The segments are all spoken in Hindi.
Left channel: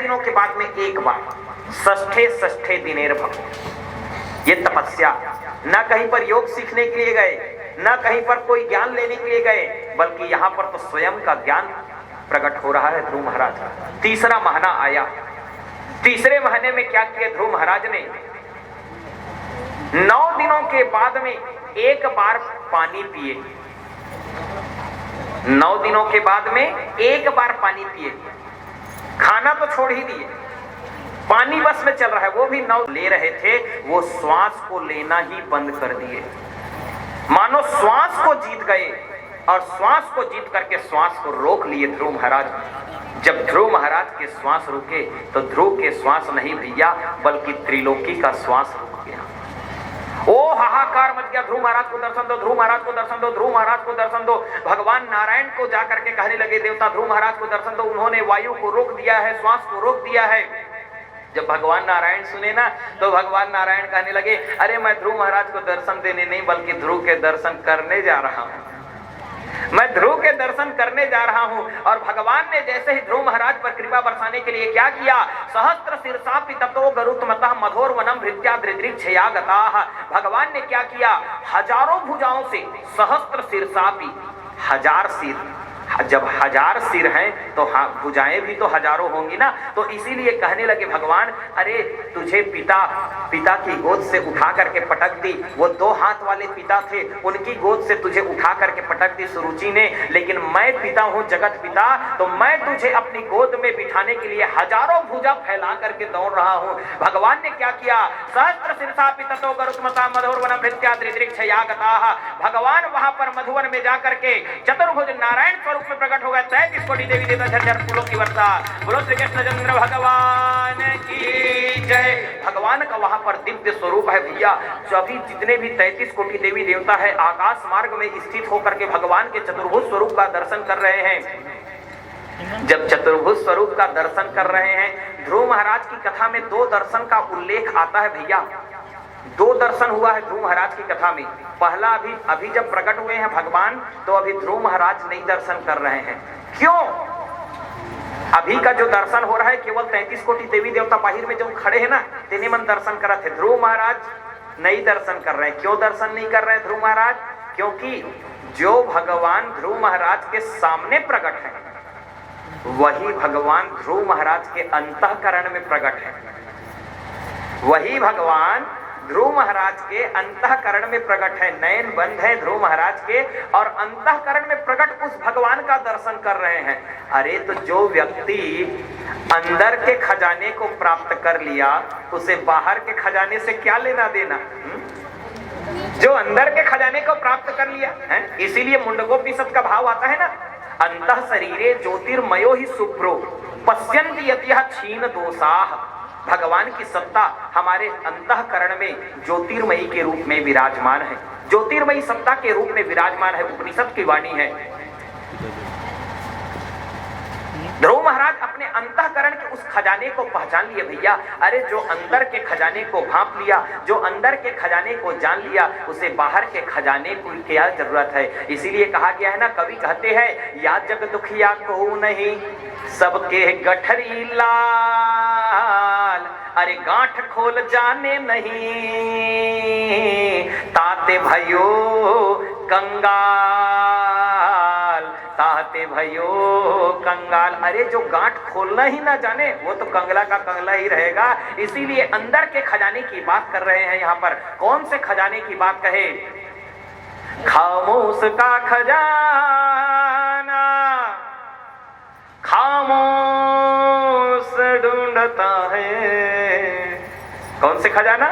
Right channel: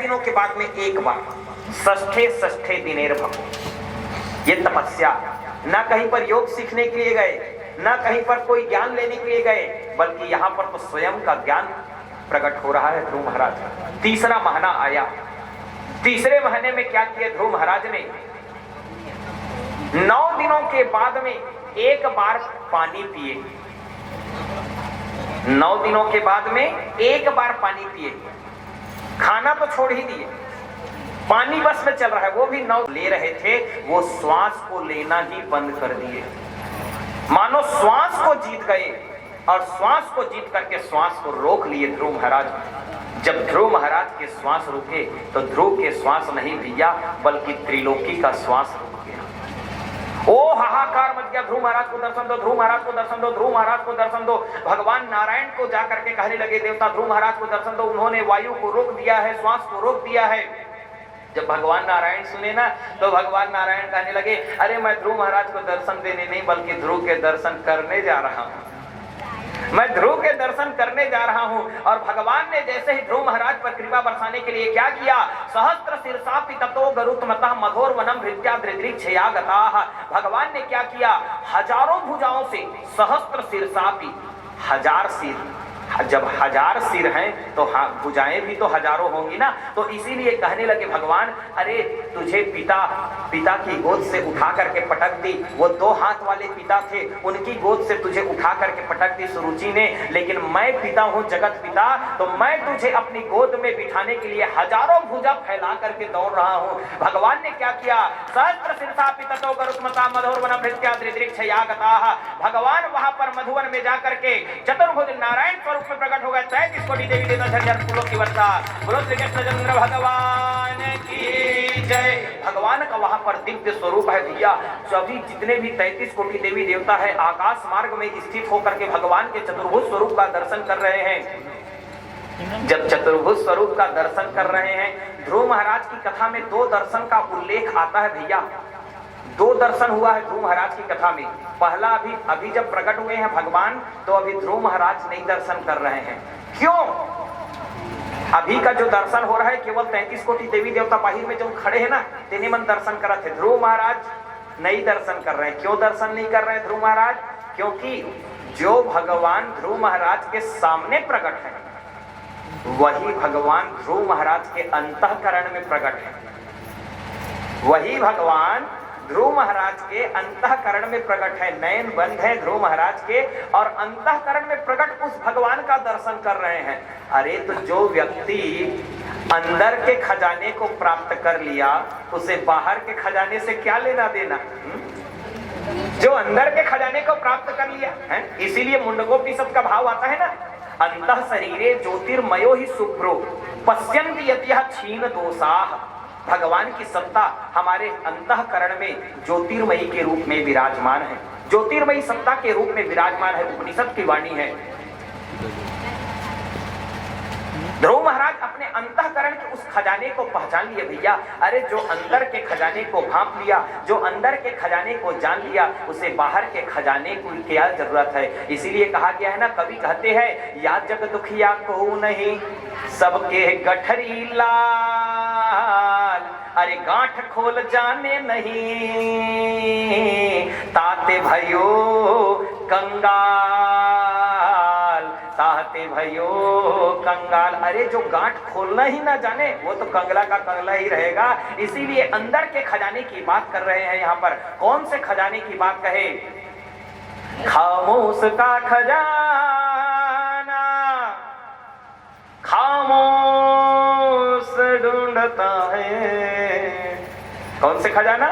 दिनों के बाद में एक बार षष्ठे षष्ठे दिनेर भव, ये तपस्या, न कहीं पर योग सीखने के लिए गए, न कहीं पर कोई ज्ञान लेने के लिए गए, बल्कि यहां पर तो स्वयं का ज्ञान प्रकट हो रहा है ध्रुव महाराज का। तीसरा महीना आया, तीसरे महीने में क्या किया ध्रुव महाराज ने, 9 दिनों के बाद में एक बार पानी पिए, 9 दिनों के बाद में एक बार पानी पिए, खाना तो छोड़ ही दिए, पानी बस में चल रहा है, वो भी 9 ले रहे थे, वो श्वास को लेना ही बंद कर दिए, मानो श्वास को जीत गए, और श्वास को जीत करके श्वास को रोक लिए ध्रुव महाराज। जब ध्रुव महाराज के श्वास रुके तो ध्रुव के श्वास नहीं भैया, बल्कि त्रिलोकी का श्वास रुक गया। ओ हाहाकार मच गया, ध्रुव महाराज को दर्शन दो, ध्रुव महाराज को दर्शन दो, ध्रुव महाराज को दर्शन दो। भगवान नारायण को जाकर के कहने लगे, देवता ध्रुव महाराज को दर्शन दो। उन्होंने वायु को रोक दिया है, श्वास को रोक दिया है। जब भगवान नारायण सुने ना, तो भगवान नारायण कहने लगे, अरे मैं ध्रुव महाराज को दर्शन देने नहीं बल्कि ध्रुव के दर्शन करने जा रहा हूं, मैं ध्रुव के दर्शन करने जा रहा हूं। और भगवान ने जैसे ही ध्रुव महाराज पर कृपा बरसाने के लिए क्या किया, सहस्त्र शीर्षापि ततो गरुत्मतः मधोर वनम भृत्या दृदृक्षया गताः। भगवान ने क्या किया, हजारों भुजाओं से, सहस्त्र शीर्षापि, 1000 सिर, जब 1000 सिर हैं तो भुजाएं भी तो हजारों होंगी ना, तो इसीलिए कहने लगे भगवान, अरे तुझे पिता की गोद से उठा करके पटक दी, वो 2 हाथ वाले पिता थे, उनकी गोद से तुझे उठा करके पटक दी सुरुचि ने, लेकिन मैं पिता हूं, जगत पिता, तो मैं तुझे अपनी गोद में बिठाने के लिए हजारों भुजा फैला करके दौड़ रहा हूं। भगवान ने क्या किया, सहस्त्र शीर्षापि ततो गरुत्मतः मधोर वनम भृत्या दृदृक्षया गताः। भगवान वहां पर मधुवन में जाकर के चतुर्भुज नारायण स्वरूप में प्रकट हो गए। 33 कोटि देवी देवता झरझर फूलों की वर्षा। बोलो श्री कृष्णचंद्र भगवान की जय। भगवान का वहां पर दिव्य स्वरूप है भैया। सभी जितने भी 33 कोटि देवी देवता है आकाश मार्ग में स्थित होकर के भगवान के चतुर्भुज स्वरूप का दर्शन कर रहे हैं। जब चतुर्भुज स्वरूप का दर्शन कर रहे हैं, ध्रुव महाराज की कथा में 2 दर्शन का उल्लेख आता है भैया। 2 दर्शन हुआ है ध्रुव महाराज की कथा में। पहला अभी जब प्रकट हुए हैं भगवान, तो अभी ध्रुव महाराज नहीं दर्शन कर रहे हैं। क्यों? अभी का जो दर्शन हो रहा है केवल 33 कोटि देवी देवता बाहिर में जो खड़े हैं ना, तेने मन दर्शन करा थे। ध्रुव महाराज नहीं दर्शन कर रहे हैं। क्यों दर्शन नहीं कर रहे हैं ध्रुव महाराज? क्योंकि जो भगवान ध्रुव महाराज के सामने प्रकट है, वही भगवान ध्रुव महाराज के अंतःकरण में प्रकट है। वही भगवान ध्रुव महाराज के अंतःकरण में प्रकट है। नयन बंद है ध्रुव महाराज के, और अंतःकरण में प्रकट उस भगवान का दर्शन कर रहे हैं। अरे तो जो व्यक्ति अंदर के खजाने को प्राप्त कर लिया, उसे बाहर के खजाने से क्या लेना देना? जो अंदर के खजाने को प्राप्त कर लिया है, इसीलिए मुंडकोपनिषद का भाव आता है ना, अंतः शरीरे ज्योतिर्मयो ही शुभ्रो पश्यन्ति यतिह क्षीण दोषाः। भगवान की सत्ता हमारे अंतःकरण में ज्योतिर्मयी के रूप में विराजमान है, ज्योतिर्मयी सत्ता के रूप में विराजमान है। उपनिषद की वाणी है। ध्रुव महाराज अपने अंतःकरण के उस खजाने को पहचान लिए भैया। अरे जो अंदर के खजाने को भांप लिया, जो अंदर के खजाने को जान लिया, उसे बाहर के खजाने को क्या जरूरत है? इसीलिए कहा गया है ना, कवि कहते हैं, या जग दुखिया को नहीं सबके गठरी लाल, अरे गांठ खोल जाने नहीं ताते भयो कंगाल, ताते भयो कंगाल। अरे जो गांठ खोलना ही ना जाने, वो तो कंगला का कंगला ही रहेगा। इसीलिए अंदर के खजाने की बात कर रहे हैं यहाँ पर। कौन से खजाने की बात कहे? खामोश का खजाना खामोश ढूंढता है। कौन से खजाना?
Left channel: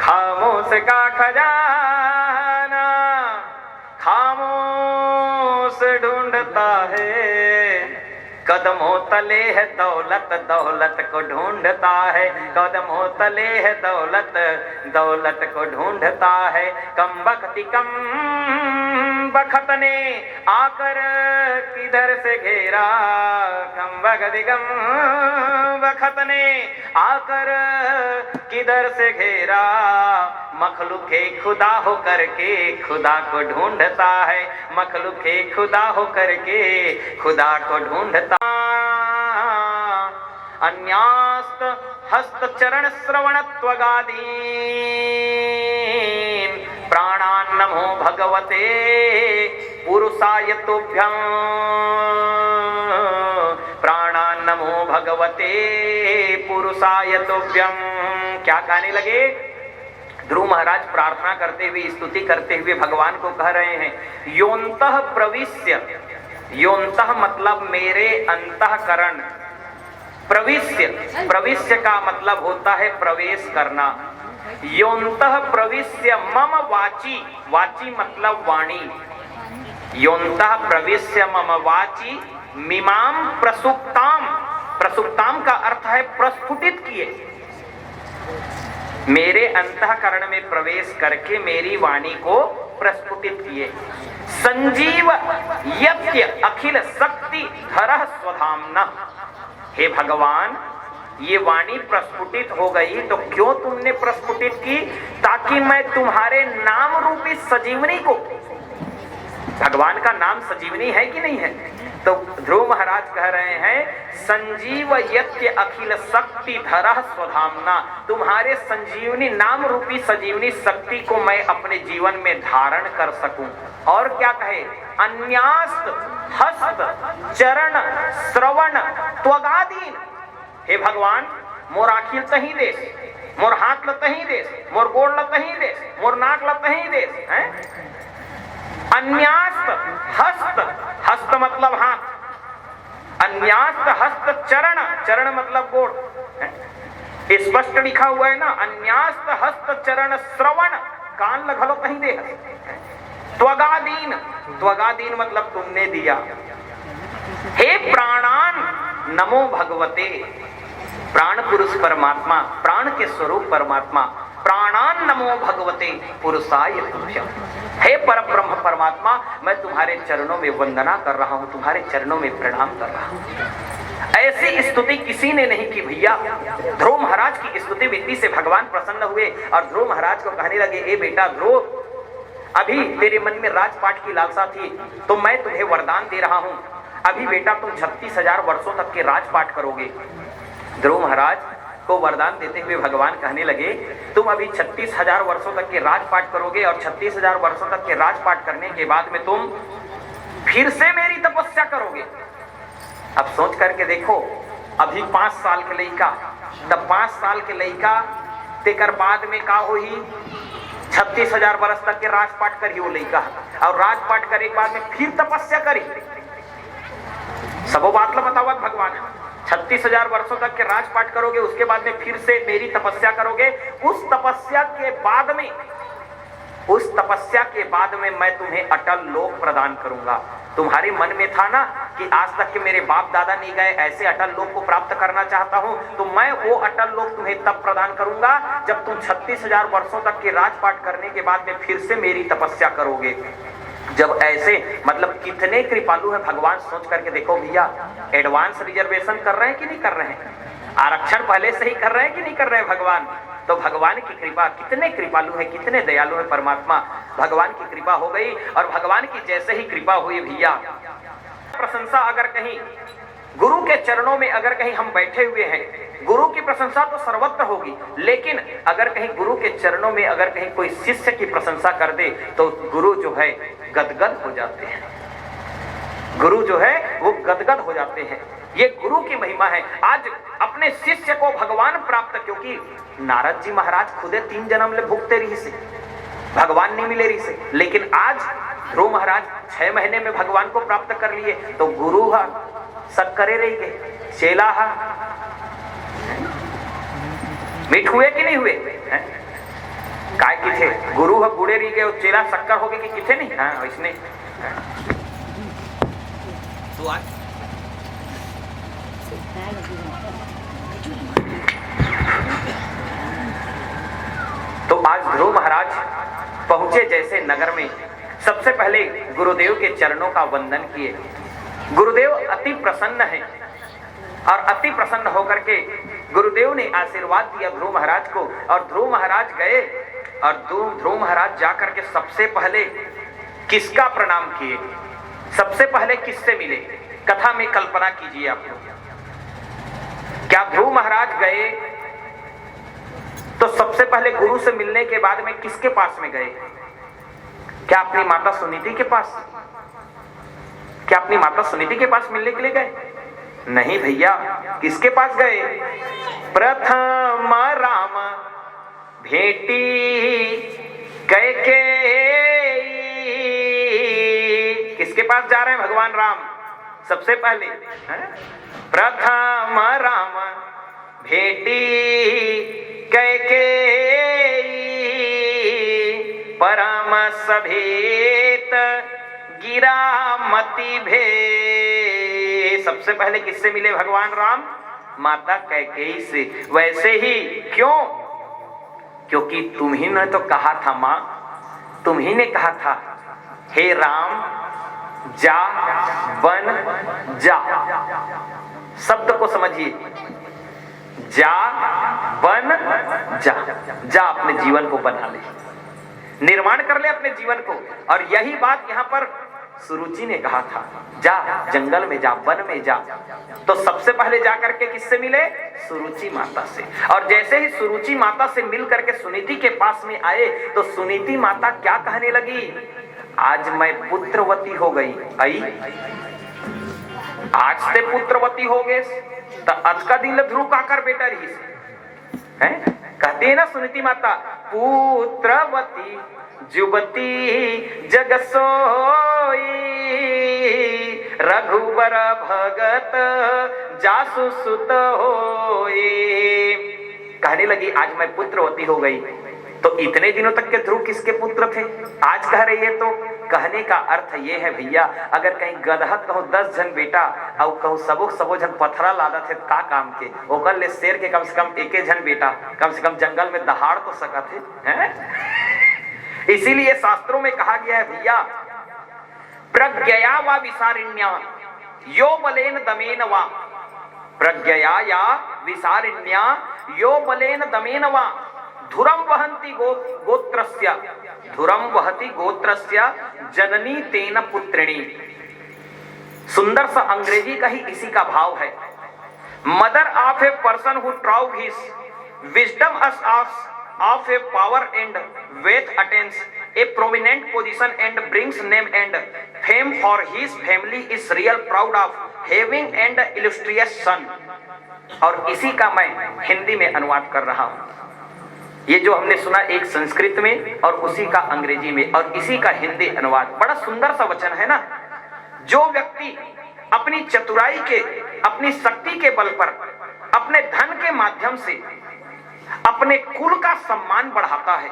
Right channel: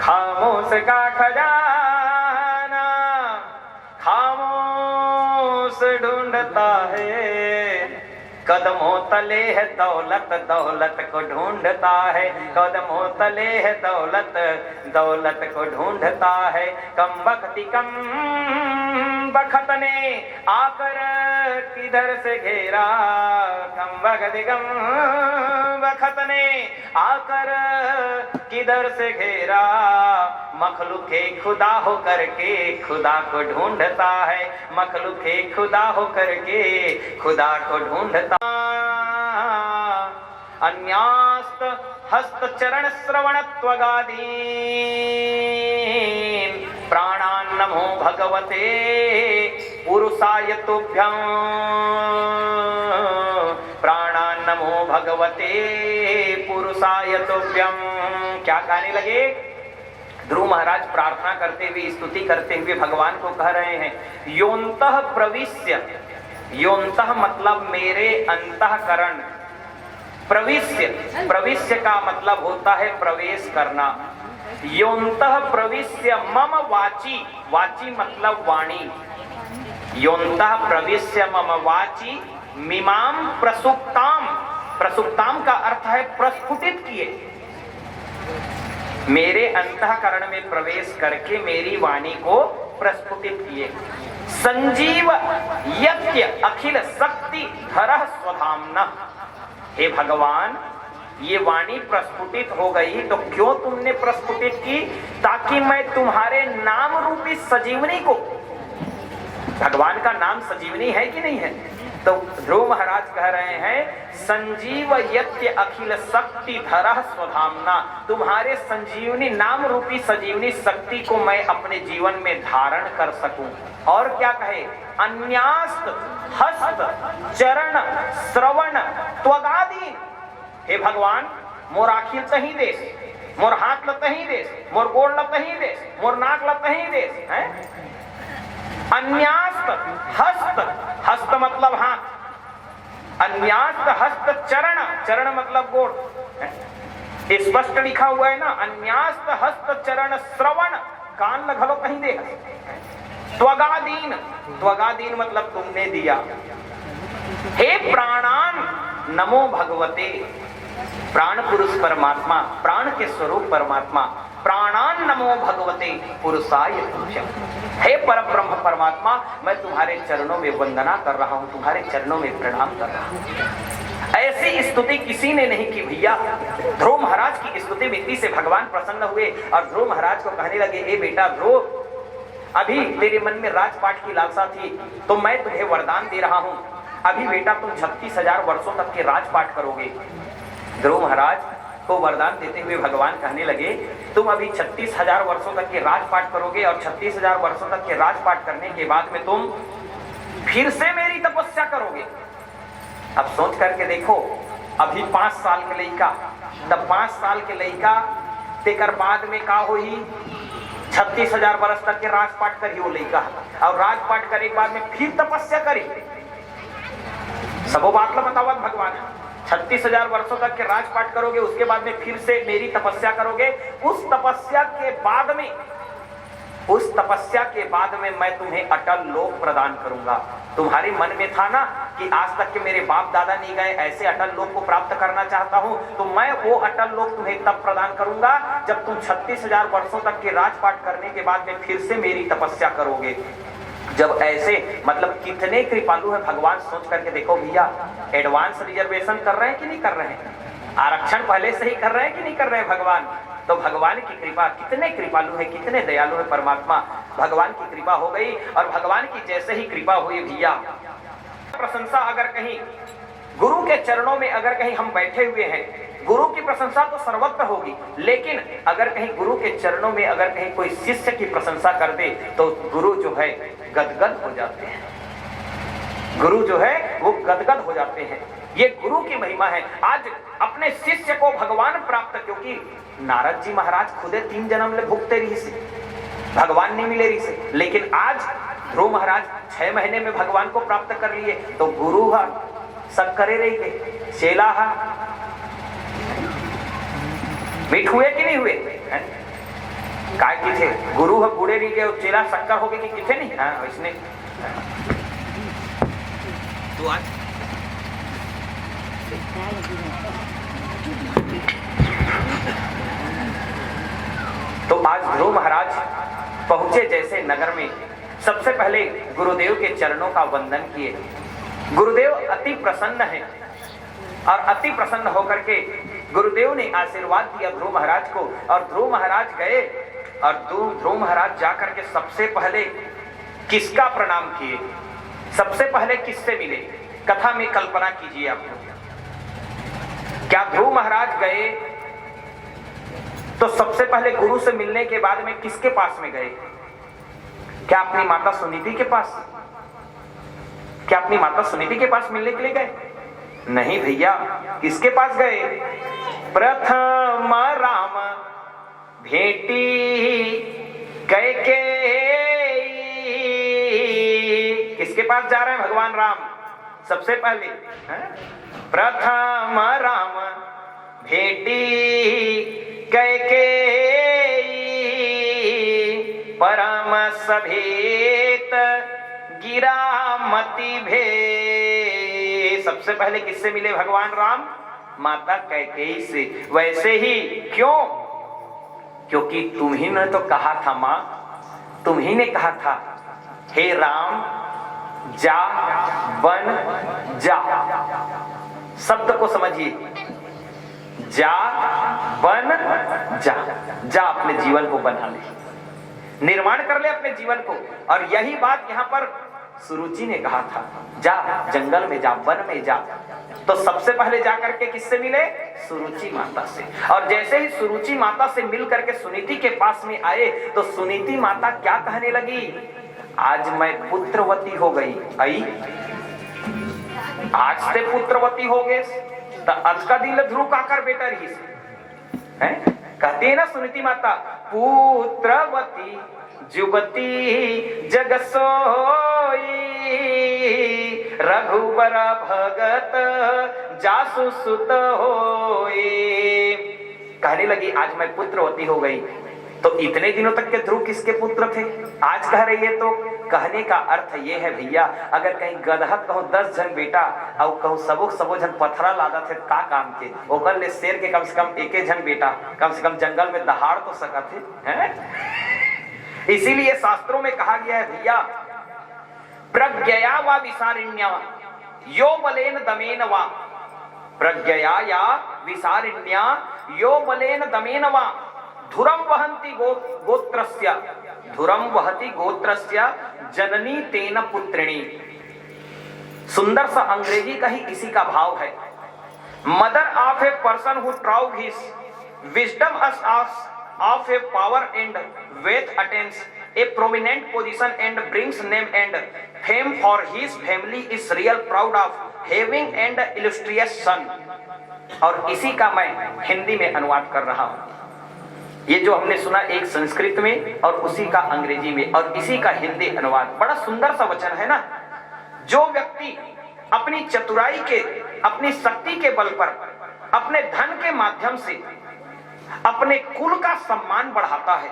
खामोश का खजाना खामोश ढूंढता है। कदमों तले है दौलत, दौलत को ढूंढता है। कदमों तले है दौलत, दौलत को ढूंढता है। कम बख्ती कम बखत ने आकर किधर से घेरा, कम बख्ती कम बखत ने आकर किधर से घेरा। मखलूके खुदा हो करके खुदा को ढूंढता है। मखलूके खुदा हो करके खुदा को ढूंढता। अन्यास्त हस्त चरण श्रवण त्वगादीन प्राणान् नमो भगवते पुरुषाय तुभ्यं प्राणान् नमो भगवते पुरुषाय तुभ्यं। क्या कहने लगे? ध्रुव महाराज प्रार्थना करते हुए, स्तुति करते हुए भगवान को कह रहे हैं, योन्तः प्रविश्य, योन्तः मतलब मेरे अंतःकरण, प्रविश्य, प्रविश्य का मतलब होता है प्रवेश करना। योन्तः प्रविश्य मम वाची, वाची मतलब वाणी, योन्तः प्रविश्य मम वाची मिमाम प्रसुप्ताम, प्रसुप्ताम का अर्थ है प्रस्फुटित किए, मेरे अंतःकरण में प्रवेश करके मेरी वाणी को प्रस्फुटित किए। संजीव यत्य अखिल शक्ति धरः स्वधाम्ना, हे भगवान ये वाणी प्रस्फुटित हो गई तो क्यों तुमने प्रस्फुटित की? ताकि मैं तुम्हारे नाम रूपी सजीवनी को, भगवान का नाम सजीवनी है कि नहीं है? तो ध्रुव महाराज कह रहे हैं संजीव यत्य अखिल शक्ति धरः स्वधाम्ना, तुम्हारे संजीवनी नाम रूपी सजीवनी शक्ति को मैं अपने जीवन में धारण कर सकूं। और क्या कहे? अन्यास्त हस्त चरण श्रवण त्वगादीन, हे भगवान मोर आखिर तही देश, मोर हाथ लतही देश, मोर गोड़ लतही देश, मोर नाक लतही देश है। अन्यास्त हस्त, हस्त मतलब हाथ, अन्यास्त हस्त चरण, चरण मतलब गोड़, स्पष्ट लिखा हुआ है ना, अन्यास्त हस्त चरण श्रवण, कान लगलो कहीं दे। त्वगादीन, त्वगादीन मतलब तुमने दिया। हे प्राणान नमो भगवते, प्राण पुरुष परमात्मा, प्राण के स्वरूप परमात्मा, प्राणान नमो भगवते पुरुषाय तुभ्यं, हे परब्रह्म परमात्मा मैं तुम्हारे चरणों में वंदना कर रहा हूं, तुम्हारे चरणों में प्रणाम कर रहा हूं। ऐसी स्तुति किसी ने नहीं की भैया। ध्रुव महाराज की स्तुति विधि से भगवान प्रसन्न हुए और ध्रुव महाराज को कहने लगे, ए बेटा ध्रुव, अभी तेरे मन में राजपाट की लालसा थी तो मैं तुम्हें वरदान दे रहा हूं, अभी बेटा तुम 36,000 वर्षों तक के राजपाट करोगे। ध्रुव महाराज को वरदान देते हुए भगवान कहने लगे, तुम अभी 36,000 वर्षों तक के राजपाट करोगे और 36,000 वर्षों तक के राजपाट करने के बाद में तुम फिर से मेरी तपस्या करोगे। अब सोच करके देखो, अभी 5 साल के लड़का, तब 5 साल के लड़का तेकर बाद में का हो ही 36,000 वर्ष तक के राजपाट करी वो लड़का, और राजपाट करे के बाद में फिर तपस्या करी। सबो बात ला बतावा भगवान, 36,000 वर्षों तक के राजपाट करोगे, उसके बाद में फिर से मेरी तपस्या करोगे। उस तपस्या के बाद में, उस तपस्या के बाद में मैं तुम्हें अटल लोक प्रदान करूंगा। तुम्हारे मन में था ना कि आज तक के मेरे बाप दादा नहीं गए, ऐसे अटल लोक को प्राप्त करना चाहता हूं, तो मैं वो अटल लोक तुम्हें तब प्रदान करूंगा जब तुम 36,000 वर्षों तक के राजपाट करने के बाद में फिर से मेरी तपस्या करोगे। जब ऐसे, मतलब कितने कृपालु है भगवान, सोच करके देखो भैया। एडवांस रिजर्वेशन कर रहे हैं कि नहीं कर रहे हैं? आरक्षण पहले से ही कर रहे हैं कि नहीं कर रहे हैं भगवान? तो भगवान की कृपा, कितने कृपालु है, कितने दयालु है परमात्मा। भगवान की कृपा हो गई और भगवान की जैसे ही कृपा हुई भैया, प्रशंसा अगर कहीं गुरु के चरणों में अगर कहीं हम बैठे हुए हैं, गुरु की प्रशंसा तो सर्वत्र होगी, लेकिन अगर कहीं गुरु के चरणों में अगर कहीं कोई शिष्य की प्रशंसा कर दे तो गुरु जो है गदगद हो जाते हैं, गुरु जो है वो गदगद हो जाते हैं। ये गुरु की महिमा है। आज अपने शिष्य को भगवान प्राप्त, क्योंकि नारद जी महाराज खुदे 3 जन्म ले भुगते रही से, भगवान नहीं मिले रही से, लेकिन आज ध्रुव महाराज 6 महीने में भगवान को प्राप्त कर लिए। तो गुरु सब करे रही गए, चेला मीठ हुए कि नहीं हुए? काय की थे गुरु बूढ़े रही गए, चेला शक्कर हो गए कि किथे नहीं। हाँ इसने तो आज ध्रुव महाराज पहुंचे जैसे नगर में, सबसे पहले गुरुदेव के चरणों का वंदन किए। गुरुदेव अति प्रसन्न है और अति प्रसन्न होकर के गुरुदेव ने आशीर्वाद दिया ध्रुव महाराज को। और ध्रुव महाराज गए और ध्रुव महाराज जाकर के सबसे पहले किसका प्रणाम किए, सबसे पहले किससे मिले? कथा में कल्पना कीजिए आप लोग। क्या ध्रुव महाराज गए तो सबसे पहले गुरु से मिलने के बाद में किसके पास में गए? क्या अपनी माता सुनीति के पास? क्या अपनी माता सुनीति के पास मिलने के लिए गए? नहीं भैया, किसके पास गए? प्रथम राम भेटी कैकेयी। किसके पास जा रहे हैं भगवान राम? सबसे पहले प्रथम राम भेटी कैकेयी, परम सभेत गिरा मति भे। सबसे पहले किससे मिले भगवान राम? माता कैकेयी से। वैसे ही क्यों? क्योंकि तुम ही ने तो कहा था मां, तुम ही ने कहा था हे राम जा वन जा। शब्द को समझिए, जा वन जा। जा अपने जीवन को बना ले, निर्माण कर ले अपने जीवन को। और यही बात यहां पर सुरुचि ने कहा था, जा जंगल में जा, वन में जा। तो सबसे पहले जा करके किससे मिले? सुरुचि माता से। और जैसे ही सुरुचि माता से मिल करके सुनीति के पास में आए तो सुनीति माता क्या कहने लगी? आज मैं पुत्रवती हो गई। आई आज ते पुत्रवती हो गए तो आज का दिन ध्रुव का कर बेटा रही से है? कहते हैं ना सुनीति माता, पुत्रवती जुबती जग सोई, रघुबर भगत जासु सुत होई। कहने लगी आज मैं पुत्रवती हो गई। तो इतने दिनों तक के ध्रुव किसके पुत्र थे? आज कह रही है। तो कहने का अर्थ ये है भैया, अगर कहीं गदहा कहूं 10 जन बेटा और कहूं सबो जन पथरा लादा थे का काम के, ओकर ले शेर के कम से कम एक जन बेटा कम से कम जंगल में दहाड़ तो सका थे हैं? इसीलिए शास्त्रों में कहा गया है भैया, प्रज्ञया वा विसारिण्या यो बलेन दमेन वा। प्रज्ञया या विसारिण्या यो बलेन दमेन वा धुरम वहंती गोत्रस्य, धुरम वहति गोत्रस्य जननी तेन पुत्रिणी। सुंदर सा अंग्रेजी का ही इसी का भाव है। Mother of a person who throw his wisdom of a power and wealth attains a prominent position and brings name and fame for his family is real proud of having and illustrious son। और इसी का मैं हिंदी में अनुवाद कर रहा हूं। ये जो हमने सुना एक संस्कृत में और उसी का अंग्रेजी में और इसी का हिंदी अनुवाद, बड़ा सुंदर सा वचन है ना। जो व्यक्ति अपनी चतुराई के, अपनी शक्ति के बल पर, अपने धन के माध्यम से अपने कुल का सम्मान बढ़ाता है,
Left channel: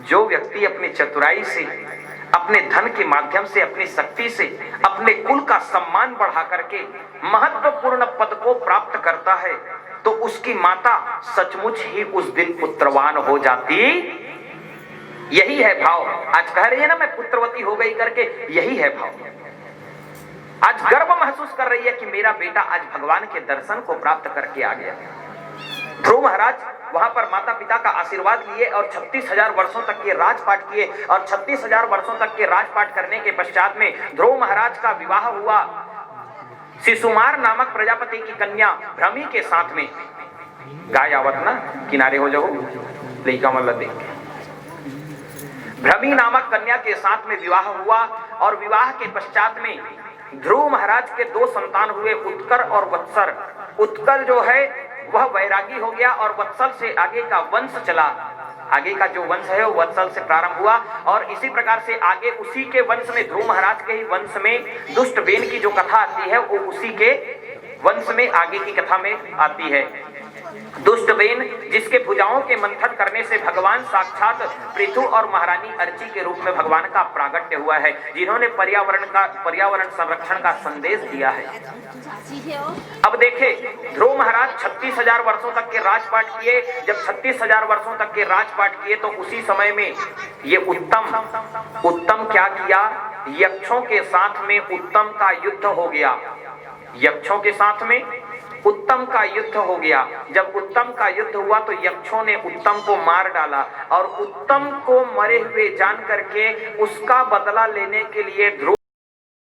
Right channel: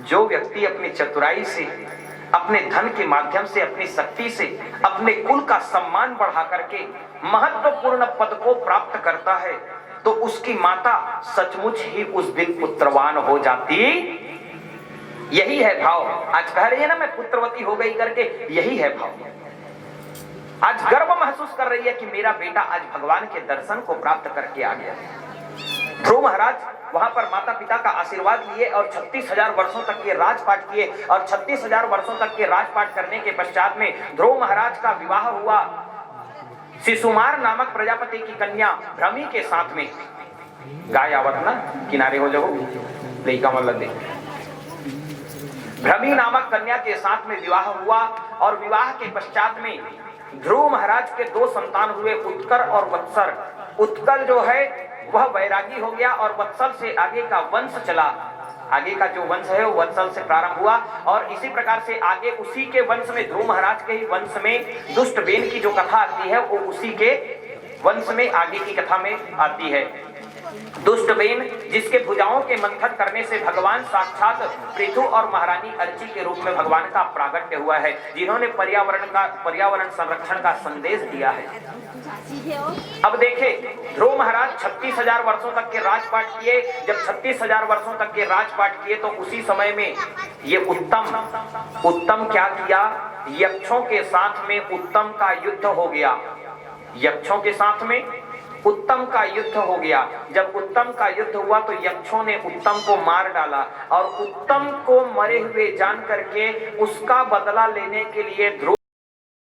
जो व्यक्ति अपनी चतुराई से, अपने धन के माध्यम से, अपनी शक्ति से अपने कुल का सम्मान बढ़ा करके महत्वपूर्ण पद को प्राप्त करता है, तो उसकी माता सचमुच ही उस दिन पुत्रवान हो जाती। यही है भाव। आज कह रही है ना मैं पुत्रवती हो गई करके, यही है भाव। आज गर्व महसूस कर रही है कि मेरा बेटा आज भगवान के दर्शन को प्राप्त करके आ गया। ध्रुव महाराज वहां पर माता पिता का आशीर्वाद लिए और 36,000 वर्षों तक के राजपाट किए। और 36,000 वर्षों तक के राजपाट करने के पश्चात में ध्रुव महाराज का विवाह हुआ शिशुमार नामक प्रजापति की कन्या भ्रमी के साथ में। गाय आवत ना किनारे हो जाओ, लेका मतलब दे। भ्रमी नामक कन्या के साथ में विवाह हुआ और विवाह के पश्चात में ध्रुव महाराज के 2 संतान हुए, उत्कर और वत्सल। उत्कर जो है वह वैरागी हो गया और वत्सल से आगे का वंश चला। आगे का जो वंश है वो वत्सल से प्रारंभ हुआ और इसी प्रकार से आगे उसी के वंश में, ध्रुव महाराज के ही वंश में दुष्ट बेन की जो कथा आती है वो उसी के वंश में आगे की कथा में आती है। दुष्ट बेन जिसके भुजाओं के मंथन करने से भगवान साक्षात पृथु और महारानी अर्ची के रूप में भगवान का प्रागट्य हुआ है, जिन्होंने पर्यावरण संरक्षण का संदेश दिया है। अब देखे ध्रुव महाराज 36,000 वर्षों तक के राजपाट किए। जब 36,000 वर्षों तक के राजपाट किए तो उसी समय में ये उत्तम क्या किया? यक्षों के साथ में उत्तम का युद्ध हो गया। यक्षों के साथ में उत्तम का युद्ध हो गया। जब उत्तम का युद्ध हुआ तो यक्षों ने उत्तम को मार डाला और उत्तम को मरे हुए जान करके उसका बदला लेने के लिए ध्रुव